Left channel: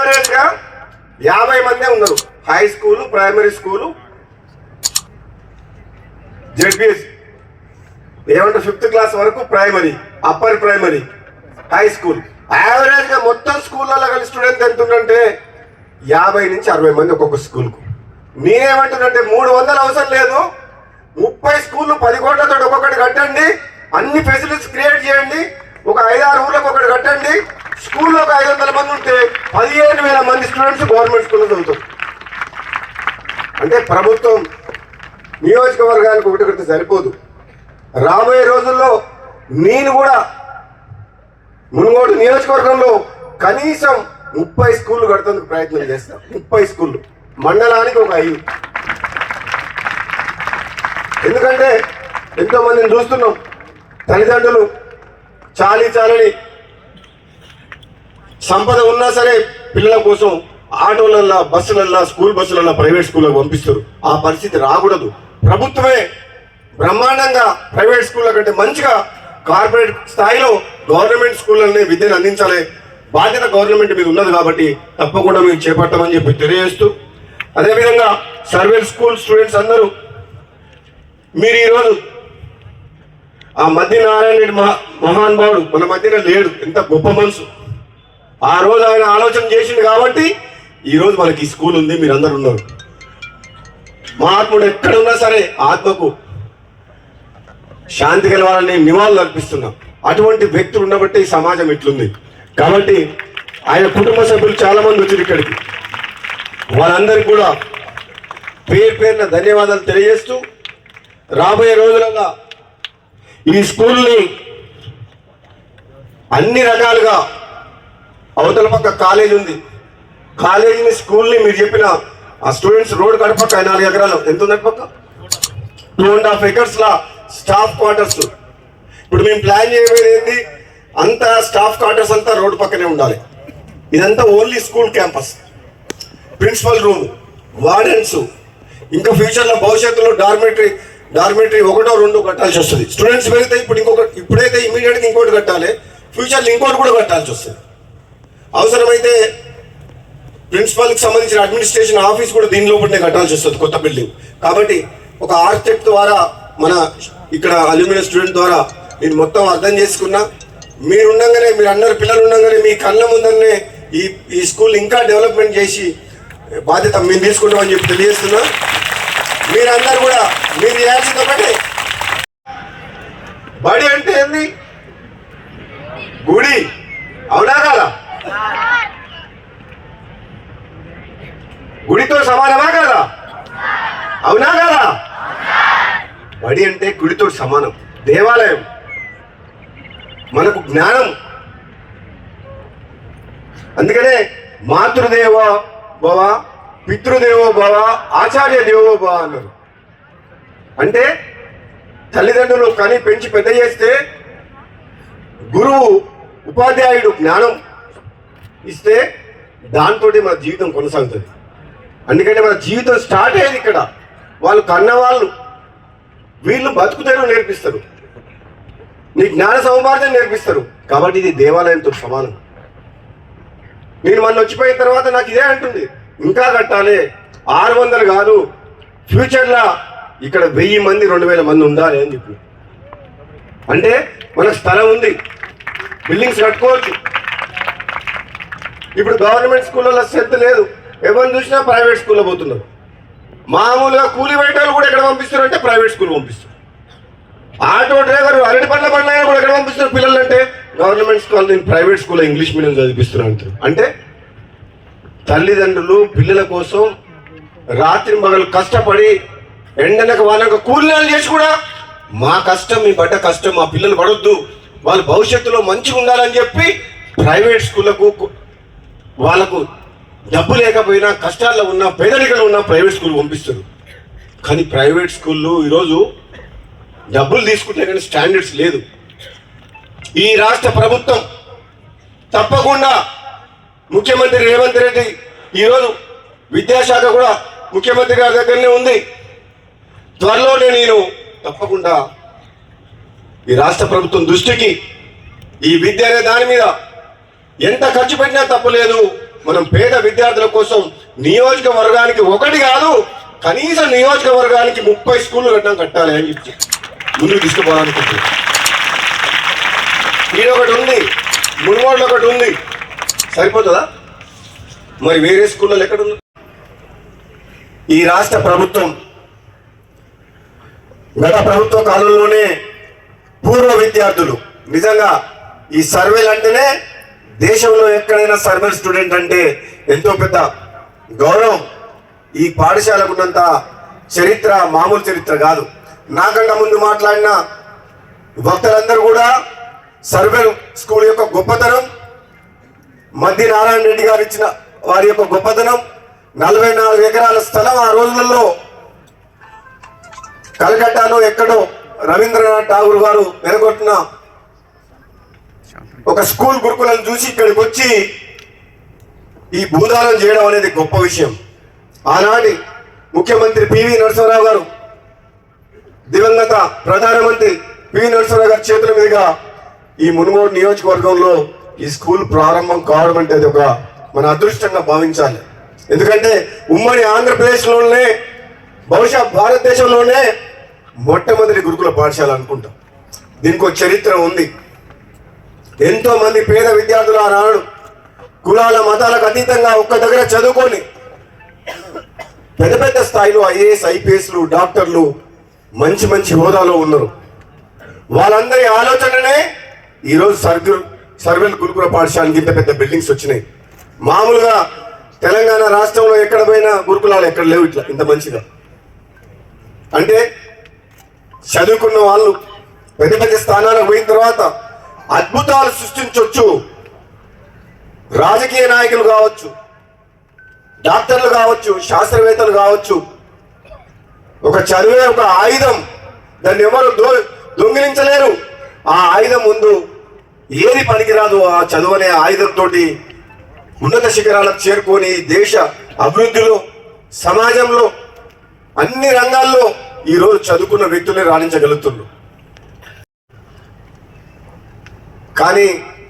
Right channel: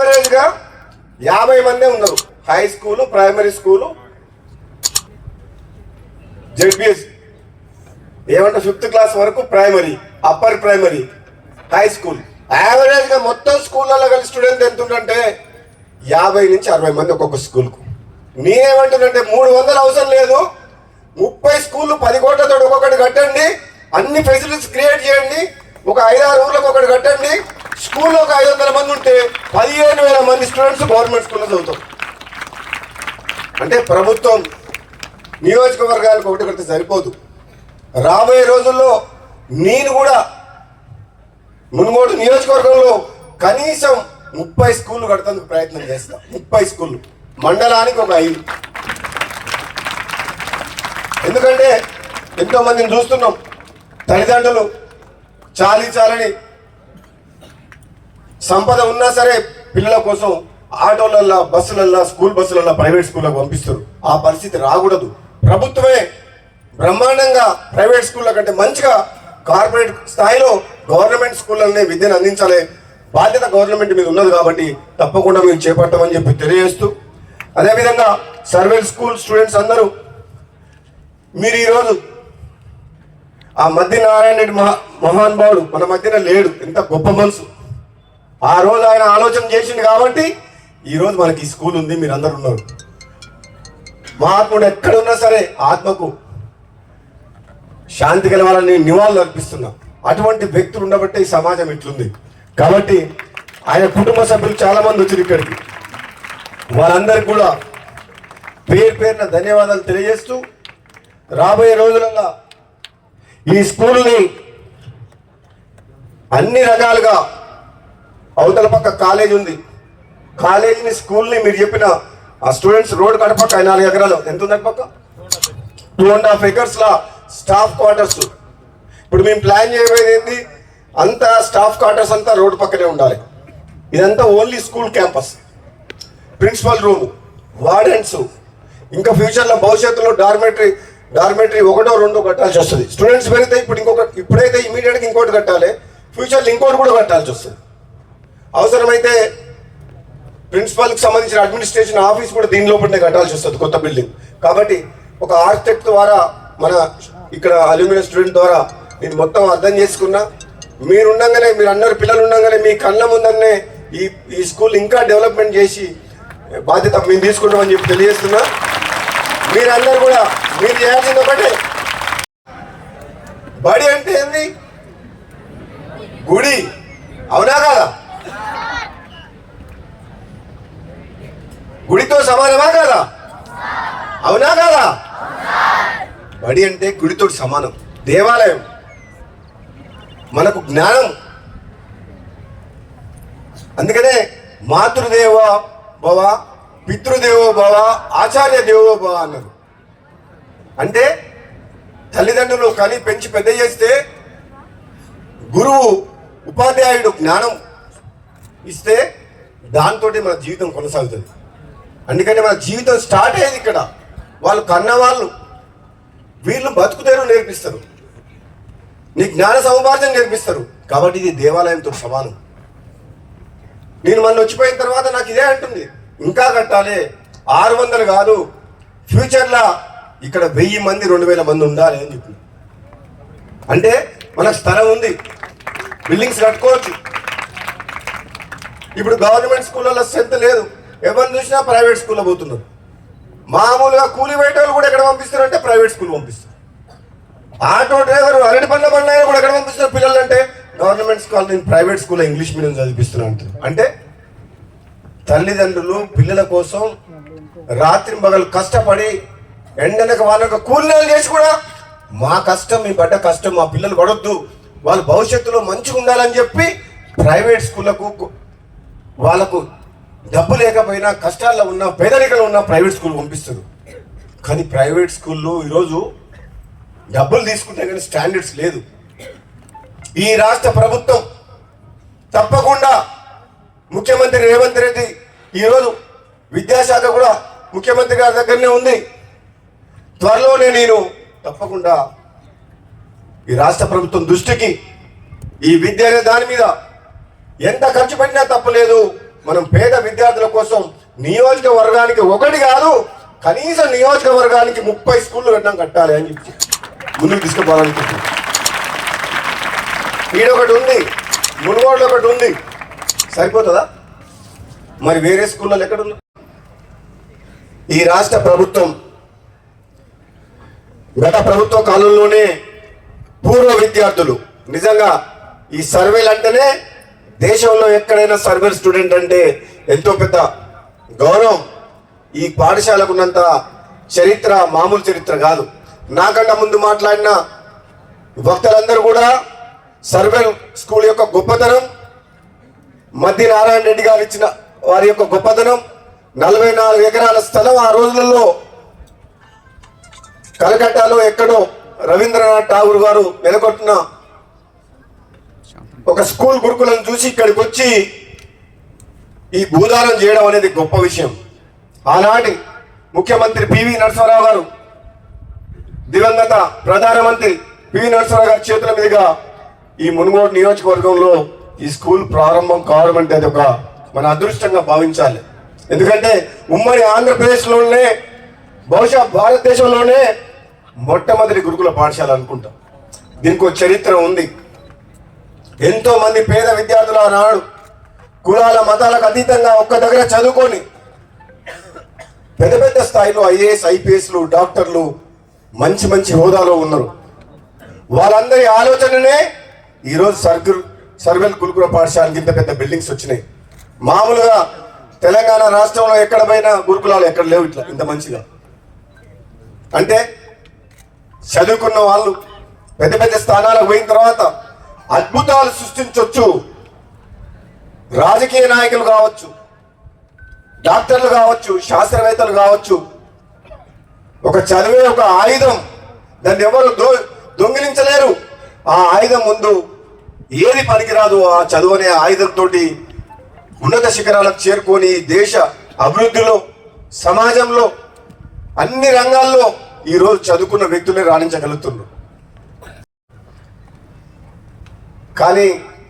యావరేజ్గా 50 మందే ఉన్నారు. High school, primary school, ZPS ఏమంటే 5th క్లాస్ వరకు primary, upper primary, high school. యావరేజ్గా మొత్తం స్కూళ్ళలో కలిసి స్టూడెంట్ ఎంత ఉందంటే 50 నుంచి 60 మంది ఒక్కొక్క స్కూల్కు. నేనేమంటున్నంటే 300 అవసరం లేదు, 30 స్కూళ్ళు 10 కోట్లతో ఒక్కొక్కటి కట్టండి, అన్ని ఫెసిలిటీస్ క్రియేట్ చేయండి, ఒక 5-6 ఊర్లకు ఒకటి కట్టండి. స్కూల్లో ఒక 500 మంది ఉంటే 15,000 మంది స్టూడెంట్స్ గవర్నమెంట్ స్కూల్లో చదువుతారు. అంటే ప్రభుత్వం నియోజకవర్గానికి ఒకటి కడితే సరిపోదు. రాబోయే రోజుల్లో నేను కూడా మునుగోడు నియోజకవర్గంలో కనీసం 30 స్కూళ్ళు కడతానికి ప్రయత్నం చేస్తాను. 30 స్కూళ్ళు, మండలానికి ఒక 5. ఎందుకంటే ఎంతో మందిని చూస్తున్నాం, తల్లిదండ్రులు చాలని సంపద ఉన్నా సరే పిల్లల కోసం ఆటోలల్లో, బస్సులల్లో, స్కూల్ బస్సులల్లో ప్రైవేట్ స్కూళ్ళకు పంపిస్తారు. ఆ పరిస్థితి రాకూడదు. ప్రభుత్వమే బ్రహ్మాండంగా ప్రైవేట్ స్కూళ్ళ కంటే మంచిగా కార్పొరేట్ స్థాయిలో గవర్నమెంట్ స్కూళ్ళనే విద్యను అందించాలి బాధ్యత గవర్నమెంట్ మీద ఉన్నది. కాబట్టి తప్పకుండా మీరు చేపట్టమని చెప్పి తెలియజేస్తూ, అదేవిధంగా సర్వేల్ స్కూల్ స్టూడెంట్స్ అందరూ మీరు ఈరోజు ఆ మధ్య నారాయణ రెడ్డి మహానుభావుడు మన మధ్యన లేడు, ఎంత గొప్ప మనసు. ఆ రోజు ఆయన ఆలోచన చేసింది కాబట్టి ఈరోజు మనకి ఈ స్కూల్ ఉంది, మీరు అందరు ఉన్నారు. మహాత్ముడు ఎక్కడున్నా సరే ఆత్మకు శాంతి కలవాలని నివాళులు అర్పిస్తున్నాం. అటువంటి వ్యక్తులు ఉండబట్టే ఈ సమాజం ఇట్లుంది. కాబట్టి ఆయన కుటుంబ సభ్యులు చాలా మంది వచ్చారు ఇక్కడికి. వాళ్ళందరికీ కూడా పేరున ధన్యవాదాలు తెలియజేస్తూ, రాబోయే రోజులలో ఈ స్కూల్ని అన్ని రకాలుగా, అవతల పక్క కాలేజ్ ఉంది, కాలేజీని స్కూల్ని మీరు చెప్పిన ఆ స్టూడెంట్స్ రోడ్ కడపక్క 4 ఎకరాలు ఎంత ఉంది పక్క 2.5 acres లా స్టాఫ్ క్వార్టర్స్. ఇప్పుడు మేము ప్లాన్ చేయబోయేది అంతా స్టాఫ్ క్వార్టర్స్ అంతా రోడ్డు పక్కనే ఉండాలి. ఇదంతా only school campus, principal room, wardens, ఇంకా ఫ్యూచర్లో భవిష్యత్తులో డార్మెటరీ 1 2 కట్టాల్సి వస్తుంది. స్టూడెంట్స్ పెరిగితే ఇప్పుడైతే ఇమీడియట్గా ఇంకోటి కట్టాలి, ఫ్యూచర్లో ఇంకోటి కూడా కట్టాల్సి వస్తుంది. అవసరమైతే ప్రిన్సిపల్కి సంబంధించిన అడ్మినిస్ట్రేషన్ ఆఫీస్ కూడా దీనిలో పట్టే కట్టాల్సి వస్తుంది, కొత్త బిల్డింగ్. కాబట్టి ఒక ఆర్కిటెక్ట్ ద్వారా, మన ఇక్కడ అల్యూమినియం స్టూడెంట్ ద్వారా నేను మొత్తం అర్థం చేసుకున్నా. మీరు ఉండగానే, మీరు అందరు పిల్లలు ఉండగానే మీ కళ్ళ ముందరనే ఈ స్కూల్ ఇంకా డెవలప్మెంట్ చేసి బాధ్యత మేము తీసుకున్నామని చెప్పి తెలియజేస్తున్నా. మీరందరూ కూడా మీరు చేయాల్సింది ఒకటి, బడి అంటే ఏంది? గుడి, అవునా కదా? గుడితో సమానమా కదా? అవునా కదా? బడి అంటే గుడితో సమానం, దేవాలయం, మనకు జ్ఞానం. అందుకనే మాతృదేవ భవ, పితృదేవో భవ, ఆచార్య దేవో భవ అన్నారు. అంటే తల్లిదండ్రులు కానీ పెంచి పెద్ద చేస్తే, గురువు ఉపాధ్యాయుడు జ్ఞానం ఇస్తే దాంతో మన జీవితం కొనసాగుతుంది. అందుకని మన జీవితం స్టార్ట్ అయ్యేది ఇక్కడ. వాళ్ళు కన్నవాళ్ళు, వీళ్ళు బతుకుతేనూ నేర్పిస్తారు, నీ జ్ఞాన సముపార్జన నేర్పిస్తారు. కాబట్టి ఇది దేవాలయంతో సమానం. నేను మొన్న వచ్చిపోయిన తర్వాత నాకు ఇదే అంటుంది, ఇంకా కట్టాలి, 600 కాదు, ఫ్యూచర్లో ఇక్కడ 1000 మంది 2000 మంది ఉండాలి అని చెప్పి. అంటే మనకు స్థలం ఉంది, బిల్డింగ్స్ కట్టుకోవచ్చు. ఇప్పుడు గవర్నమెంట్ స్కూళ్ళలో స్ట్రెంత్ లేదు, ఎవరిని చూసినా ప్రైవేట్ స్కూల్లో పోతున్నారు. మామూలుగా కూలి వేటలు కూడా ఎక్కడ పంపిస్తున్నారు అంటే ప్రైవేట్ స్కూల్ పంపిస్తారు. ఆటో డ్రైవర్ అరటి పళ్ళ బండ్లైనా కూడా ఎక్కడ పంపిస్తున్నారు పిల్లలు అంటే గవర్నమెంట్ స్కూల్, నేను ప్రైవేట్ స్కూల్లో ఇంగ్లీష్ మీడియం చదివిస్తున్నాను. అంటే తల్లిదండ్రులు పిల్లల కోసం రాత్రి పగలు కష్టపడి ఎండనక వాళ్ళకు కూలీలు చేసి కూడా మా కష్టం, మీ పడ్డ కష్టం మా పిల్లలు పడొద్దు, వాళ్ళ భవిష్యత్తులో మంచిగా ఉండాలని చెప్పి ప్రైవేట్ స్కూళ్ళకు వాళ్ళకు డబ్బు లేకపోయినా, కష్టాల్లో ఉన్న, పేదరికంలో ఉన్న ప్రైవేట్ స్కూల్ పంపిస్తారు. కానీ ప్రైవేట్ స్కూళ్ళు ఈరోజు డబ్బులు తీసుకుంటే కానీ స్టాండర్డ్స్ లేదు. ఈ రాష్ట్ర ప్రభుత్వం తప్పకుండా, ముఖ్యమంత్రి రేవంత్ రెడ్డి ఈరోజు విద్యాశాఖ కూడా ముఖ్యమంత్రి గారి దగ్గరనే ఉంది. త్వరలోనే నేను తప్పకుండా ఈ రాష్ట్ర ప్రభుత్వం దృష్టికి ఈ విద్య అనే దాని మీద ఎంత ఖర్చు పెట్టినా తప్పలేదు, మనం పేద విద్యార్థుల కోసం నియోజకవర్గానికి ఒకటి కాదు, కనీసం నియోజకవర్గానికి 30 స్కూళ్ళు కట్టాలి అని చెప్పి ముందుకు తీసుకుపోవాలనుకుంటున్నాం. ఇక్కడ ఒకటి ఉంది, మునుగోడులో ఒకటి ఉంది, సరిపోతుందా? మరి వేరే స్కూళ్ళలో ఎక్కడుంది? ఈ రాష్ట్ర ప్రభుత్వం గత ప్రభుత్వ కాలంలోనే పూర్వ విద్యార్థులు నిజంగా ఈ సర్వేలు అంటేనే దేశంలో ఎక్కడైనా సర్వే స్టూడెంట్ అంటే ఎంతో పెద్ద గౌరవం. ఈ పాఠశాలకు ఉన్నంత చరిత్ర మామూలు చరిత్ర కాదు. నాకన్నా ముందు మాట్లాడిన వక్తలందరూ కూడా సర్వే స్కూల్ యొక్క గొప్పతనం, మద్ది నారాయణ రెడ్డి గారు ఇచ్చిన వారి యొక్క గొప్పతనం, 44 ఎకరాల స్థలం ఆ రోజులలో కలకట్టాలో ఎక్కడో రవీంద్రనాథ్ ఠాగూర్ గారు వెనగొట్టిన ఒక స్కూల్ గురుకులం చూసి ఇక్కడికి వచ్చి ఈ భూదానం చేయడం అనేది గొప్ప విషయం. ఆనాటి ముఖ్యమంత్రి పివి నరసింహారావు గారు, దివంగత ప్రధానమంత్రి పివి నరసింహారావు గారి చేతుల మీదుగా ఈ మునుగోడు నియోజకవర్గంలో ఈ స్కూల్ ప్రారంభం కావడం అంటే అది ఒక మన అదృష్టంగా భావించాలి. ఎందుకంటే ఉమ్మడి ఆంధ్రప్రదేశ్లోనే, బహుశా భారతదేశంలోనే మొట్టమొదటి గురుకుల పాఠశాల అనుకుంటా. దీనికి ఒక చరిత్ర ఉంది. ఎంతో మంది పేద విద్యార్థులు ఆనాడు కులాల మతాలకు అతీతంగా ఒక్క దగ్గర చదువుకొని పెద్ద పెద్ద స్థాయిలో ఐఏఎస్, ఐపీఎస్లు, డాక్టర్లు, మంచి మంచి హోదాలో ఉన్నారు. వాళ్ళందరి ఆలోచననే ఈరోజు సర్వేల్ గురుకుల పాఠశాలకి ఇంత పెద్ద బిల్డింగ్స్ వచ్చినాయి. మామూలుగా తెలంగాణ రాష్ట్రంలో ఎక్కడ పోయినా గురుకులాలు ఎక్కడ లేవు ఇట్లా ఇంత మంచిగా. అంటే చదువుకున్న వాళ్ళు పెద్ద పెద్ద స్థానాలకు పోయిన తర్వాత అద్భుతాలు సృష్టించవచ్చు. రాజకీయ నాయకులు కావచ్చు, డాక్టర్లు కావచ్చు, శాస్త్రవేత్తలు కావచ్చు. ఒక చదివే ఒక ఆయుధం, దాన్ని ఎవరు దొంగిలించలేరు. ఆ ఆయుధం ముందు ఏది పనికిరాదు. ఆ చదువు అనే ఆయుధంతో ఉన్నత శిఖరాలకు చేరుకొని దేశ అభివృద్ధిలో, సమాజంలో, అన్ని రంగాల్లో ఈరోజు చదువుకున్న వ్యక్తులే రాణించగలుగుతున్నారు. కానీ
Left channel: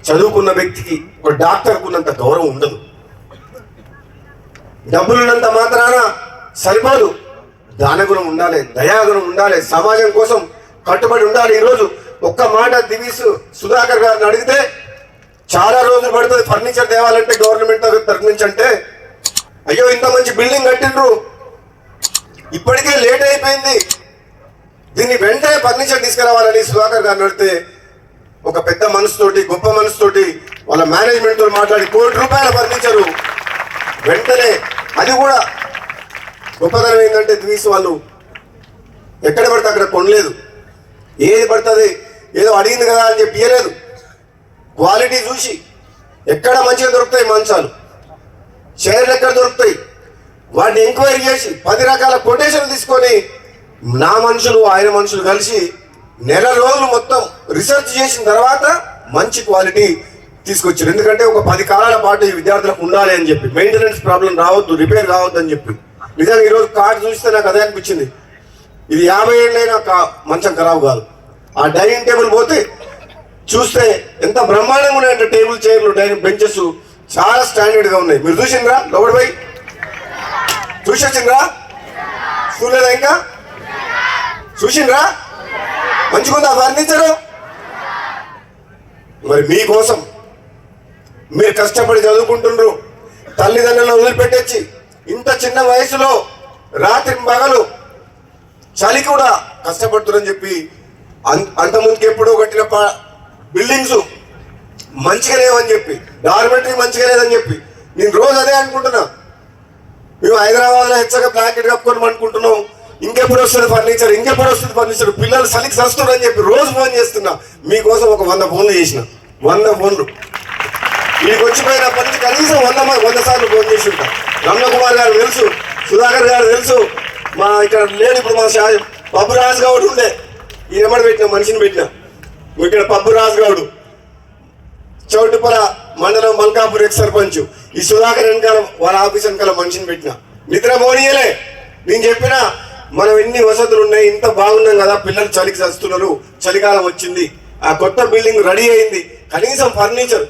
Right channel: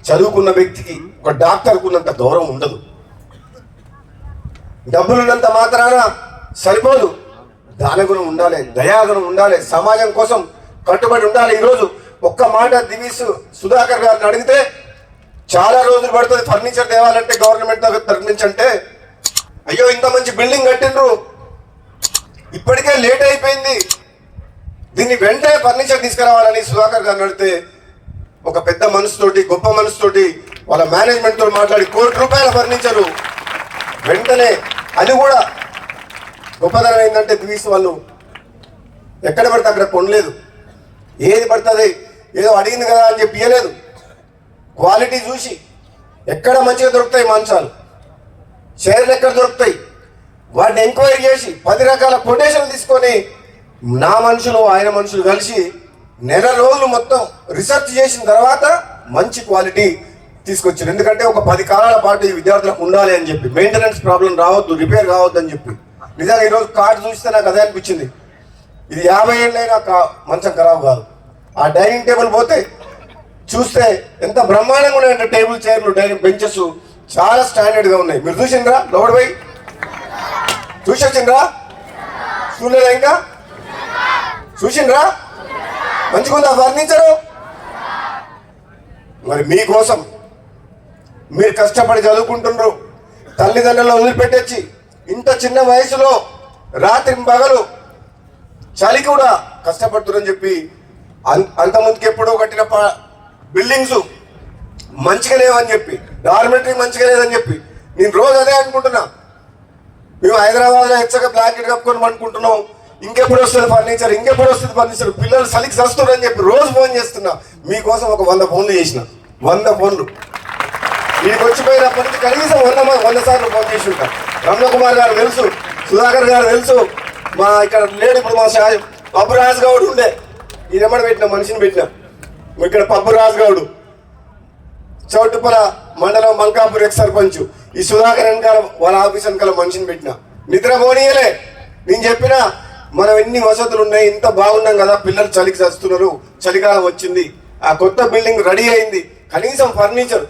చదువుకున్న వ్యక్తికి ఒక డాక్టర్కు ఉన్నంత గౌరవం ఉండదు. డబ్బులున్నంత మాత్రాన సరిపోదు. దానగుణం ఉండాలి, దయాగుణం ఉండాలి, సమాజం కోసం కట్టుబడి ఉండాలి. ఈరోజు ఒక్క మాట దివీస్ సుధాకర్ గారిని అడిగితే చాలా రోజులు పడుతుంది ఫర్నిచర్ తేవాలంటే, గవర్నమెంట్ తరఫు అంటే, అయ్యో ఇంత మంచి బిల్డింగ్ కట్టిండ్రు, ఇప్పటికే లేట్ అయిపోయింది, దీన్ని వెంటనే ఫర్నిచర్ తీసుకురావాలని సుధాకర్ గారిని అడిగితే ఒక పెద్ద మనసుతోటి, గొప్ప మనసుతోటి వాళ్ళ మేనేజ్మెంట్ తో మాట్లాడి ₹1 కోటి ఫర్నిచరు వెంటనే. అది కూడా గొప్పతనం ఏంటంటే దివీస్ వాళ్ళు ఎక్కడ పడితే అక్కడ కొనలేదు. ఏది పడుతుంది ఏదో అడిగింది కదా అని చెప్పి ఇయ్యలేదు. క్వాలిటీ చూసి ఎక్కడ మంచిగా దొరుకుతాయి మంచాలు, చైర్లు ఎక్కడ దొరుకుతాయి, వాటిని ఎంక్వైరీ చేసి 10 రకాల కొటేషన్లు తీసుకొని నా మనుషులు ఆయన మనుషులు కలిసి నెల రోజులు మొత్తం రీసెర్చ్ చేసిన తర్వాత మంచి క్వాలిటీ తీసుకొచ్చారు. ఎందుకంటే ఒక 10 కాలాల పాటు ఈ విద్యార్థులకు ఉండాలి అని చెప్పి, మెయింటెనెన్స్ ప్రాబ్లం రావద్దు, రిపేర్ రావద్దు అని చెప్పి. నిజంగా ఈరోజు కార్డు చూస్తే నాకు అదే అనిపించింది. ఇది 50 ఏళ్ళైనా మంచం ఖరాబ్ కాదు. ఆ డైనింగ్ టేబుల్ పోతే చూస్తే ఎంత బ్రహ్మాండంగా ఉన్నాయంటే టేబుల్, చైర్లు, డైనింగ్ బెంచెస్ చాలా స్టాండర్డ్ గా ఉన్నాయి. మీరు చూసిండ్రా? లోపల పోయి చూసొచ్చిండ్రా? చూడలేదా? ఇంకా చూసిండ్రా? మంచిగుందా ఫర్నిచరు? మరి మీకోసం మీరు కష్టపడి చదువుకుంటున్నారు, తల్లిదండ్రులను వదిలిపెట్టొచ్చి ఇంత చిన్న వయసులో రాత్రి పగలు చలి కూడా కష్టపడుతున్నారని చెప్పి, అంత ముందుకు ఎప్పుడో కట్టిన బిల్డింగ్స్ మంచిగా లేవని చెప్పి, డార్మెటరీ మంచిగా లేదని చెప్పి నేను రోజు అదే అనుకుంటున్నా. మేము హైదరాబాద్లో హెచ్చగా బ్లాకెట్ కప్పుకొని అనుకుంటున్నాం, ఇంకెప్పుడు వస్తుంది ఫర్నిచర్, ఇంకెప్పుడు వస్తుంది ఫర్నిచర్, పిల్లలు చలికి సస్తున్నారు అని చెప్పి రోజు ఫోన్ చేస్తున్నా. మీకోసం ఒక 100 ఫోన్లు చేసిన, 100 ఫోన్లు వీడికి వచ్చిపోయినప్పటి నుంచి కనీసం 100 సార్లు ఫోన్ చేసి ఉంటాం. రమణకుమార్ గారు తెలుసు, సుధాకర్ గారు తెలుసు, మా ఇక్కడ లేడు ఇప్పుడు మా పబ్బు రాజు గౌడ్ ఉండే, ఈయనమ్మడి పెట్టిన మనిషిని పెట్టిన. ఇక్కడ పబ్బు రాజు గౌడ్ చౌటుపల మండలం మల్కాపూర్ ఎక్స్ సర్పంచ్, ఈ సుధాకర్ వెనకాల వాళ్ళ ఆఫీస్ వెనకాల మనిషిని పెట్టిన. నిద్ర మోనీయలే. నేను చెప్పిన మనం ఎన్ని వసతులు ఉన్నాయి, ఇంత బాగున్నాం కదా, పిల్లలు చలికి చస్తున్నారు, చలికాలం వచ్చింది, ఆ కొత్త బిల్డింగ్ రెడీ అయింది, కనీసం ఫర్నిచర్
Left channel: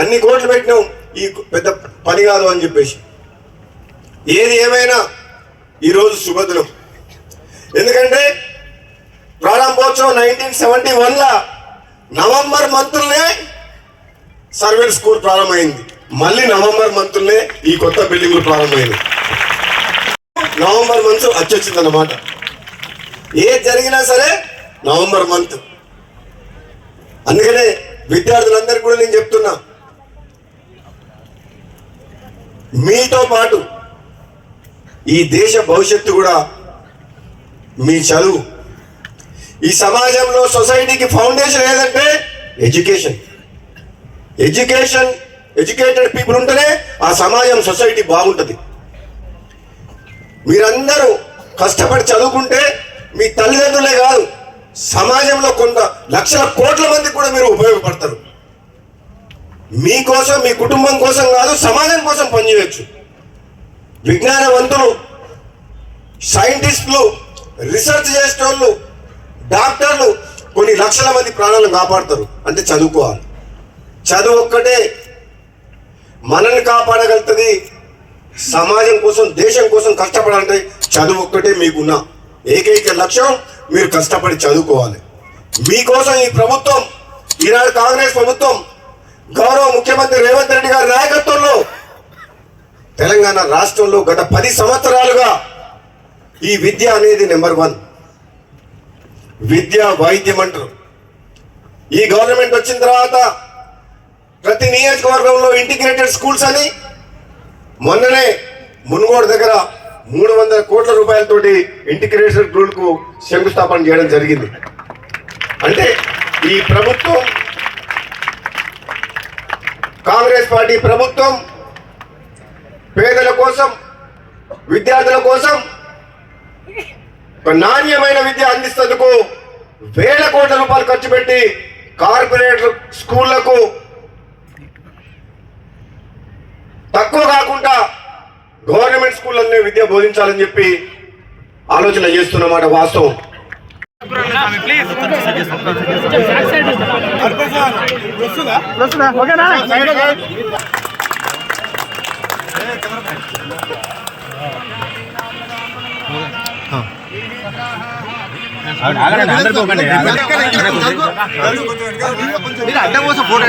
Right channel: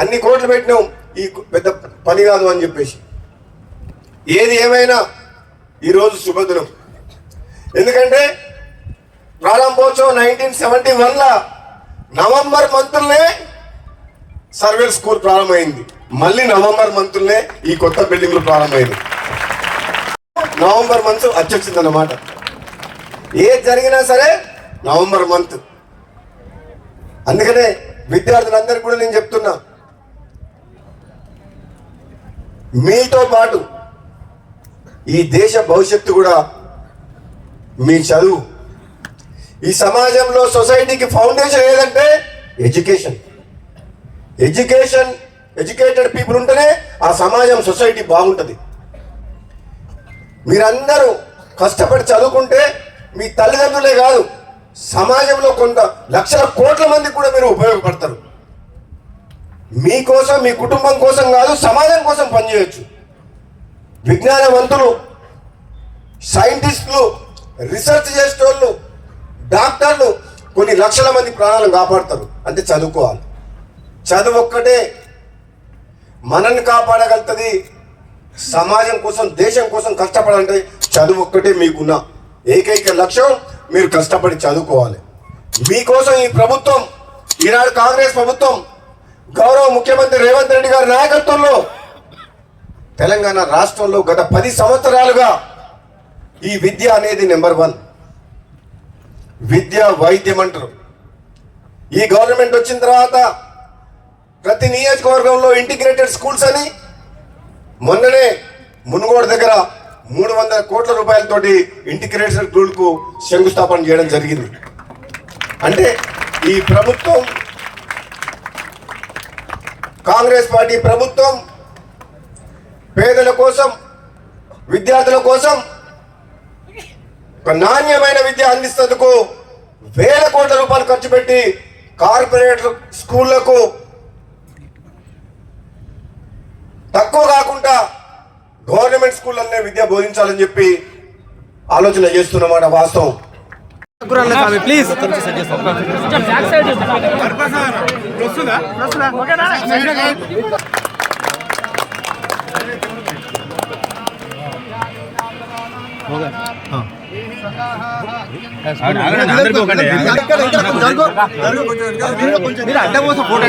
అన్ని కోట్లు పెట్టినాం, ఈ పెద్ద పని కాదు అని చెప్పేసి. ఏది ఏమైనా ఈరోజు శుభదినం. ఎందుకంటే ప్రారంభోత్సవం 1971 నవంబర్ మంత్లోనే సర్వేర్ స్కూల్ ప్రారంభమైంది. మళ్ళీ నవంబర్ మంత్లోనే ఈ కొత్త బిల్డింగ్లు ప్రారంభమైంది. నవంబర్ మంత్ వచ్చేసింది అన్నమాట. ఏది జరిగినా సరే నవంబర్ మంత్. అందుకనే విద్యార్థులందరికీ కూడా నేను చెప్తున్నా, మీతో పాటు ఈ దేశ భవిష్యత్తు కూడా మీ చదువు. ఈ సమాజంలో సొసైటీకి ఫౌండేషన్ ఏదంటే ఎడ్యుకేషన్. ఎడ్యుకేటెడ్ పీపుల్ ఉంటేనే ఆ సమాజం సొసైటీ బాగుంటుంది. మీరందరూ కష్టపడి చదువుకుంటే మీ తల్లిదండ్రులే కాదు, సమాజంలో కొంత లక్షల కోట్ల మందికి కూడా మీరు ఉపయోగపడతారు. మీకోసం, మీ కుటుంబం కోసం కాదు, సమాజం కోసం పనిచేయచ్చు. విజ్ఞానవంతులు, సైంటిస్టులు, రీసెర్చ్ చేసేటోళ్ళు, డాక్టర్లు కొన్ని లక్షల మంది ప్రాణాలను కాపాడతారు. అంటే చదువుకోవాలి. చదువు ఒక్కటే మనల్ని కాపాడగలుగుతుంది. సమాజం కోసం, దేశం కోసం కష్టపడాలంటే చదువు ఒక్కటే మీకున్న ఏకైక లక్ష్యం. మీరు కష్టపడి చదువుకోవాలి. మీకోసం ఈ ప్రభుత్వం, ఈనాడు కాంగ్రెస్ ప్రభుత్వం, గౌరవ ముఖ్యమంత్రి రేవంత్ రెడ్డి గారి నాయకత్వంలో తెలంగాణ రాష్ట్రంలో గత 10 సంవత్సరాలుగా ఈ విద్య అనేది నెంబర్ 1. విద్య వైద్యం అంటారు. ఈ గవర్నమెంట్ వచ్చిన తర్వాత ప్రతి నియోజకవర్గంలో ఇంటిగ్రేటెడ్ స్కూల్స్ అని మొన్ననే మునుగోడు దగ్గర 300 కోట్ల రూపాయలతోటి ఇంటిగ్రేటెడ్ స్కూల్కు శంకుస్థాపన చేయడం జరిగింది. అంటే ఈ ప్రభుత్వం, కాంగ్రెస్ పార్టీ ప్రభుత్వం పేదల కోసం, విద్యార్థుల కోసం నాణ్యమైన విద్య అందిస్తేందుకు వేల కోట్ల రూపాయలు ఖర్చు పెట్టి కార్పొరేట్ స్కూళ్లకు తక్కువ కాకుండా గవర్నమెంట్ స్కూళ్ళనే విద్య బోధించాలని చెప్పి ఆలోచన చేస్తున్నమాట వాస్తవం. ప్లీజ్ అడ్డం కోసం ఫోటో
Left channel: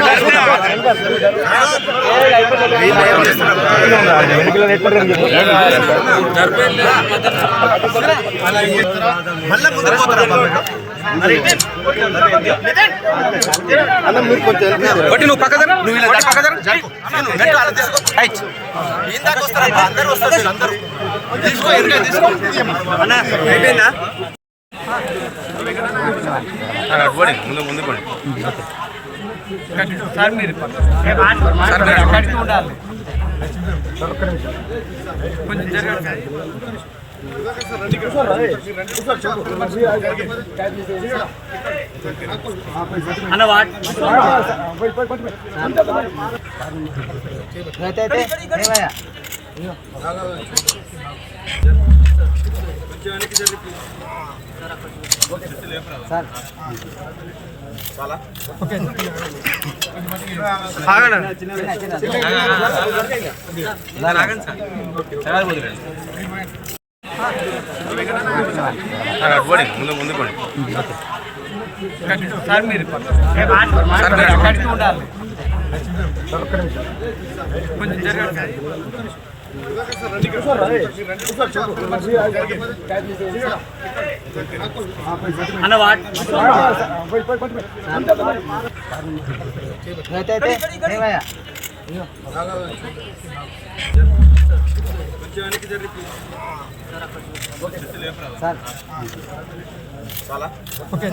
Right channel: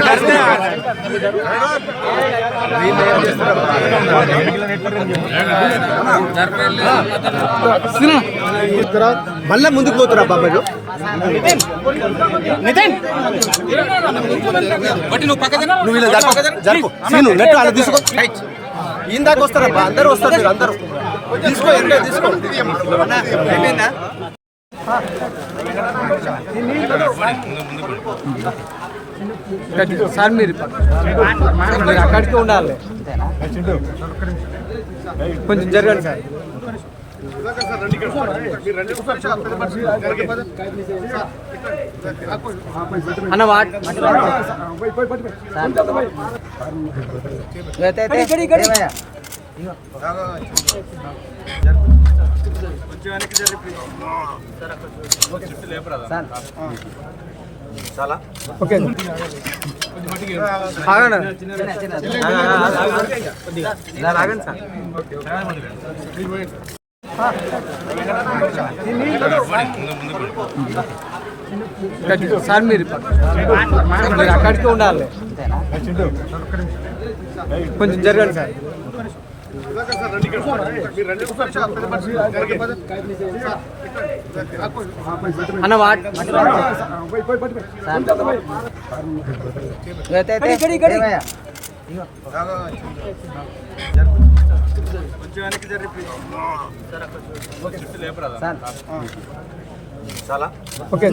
మళ్ళీ ముందుకు పోతున్నా. నువ్వు పక్కన ఇందాక వస్తారా? అందరూ వస్తారు. అందరూ అయిపోయిందా? సార్ మీరు కడికి ఉండాలి. కొంచెం జరగండి సార్. అన్న వాట్ చాలా ఓకే. సార్ మీరు కడికి ఉండాలి. కొంచెం జరగండి సార్. అన్న వాట్ చాలా ఓకే.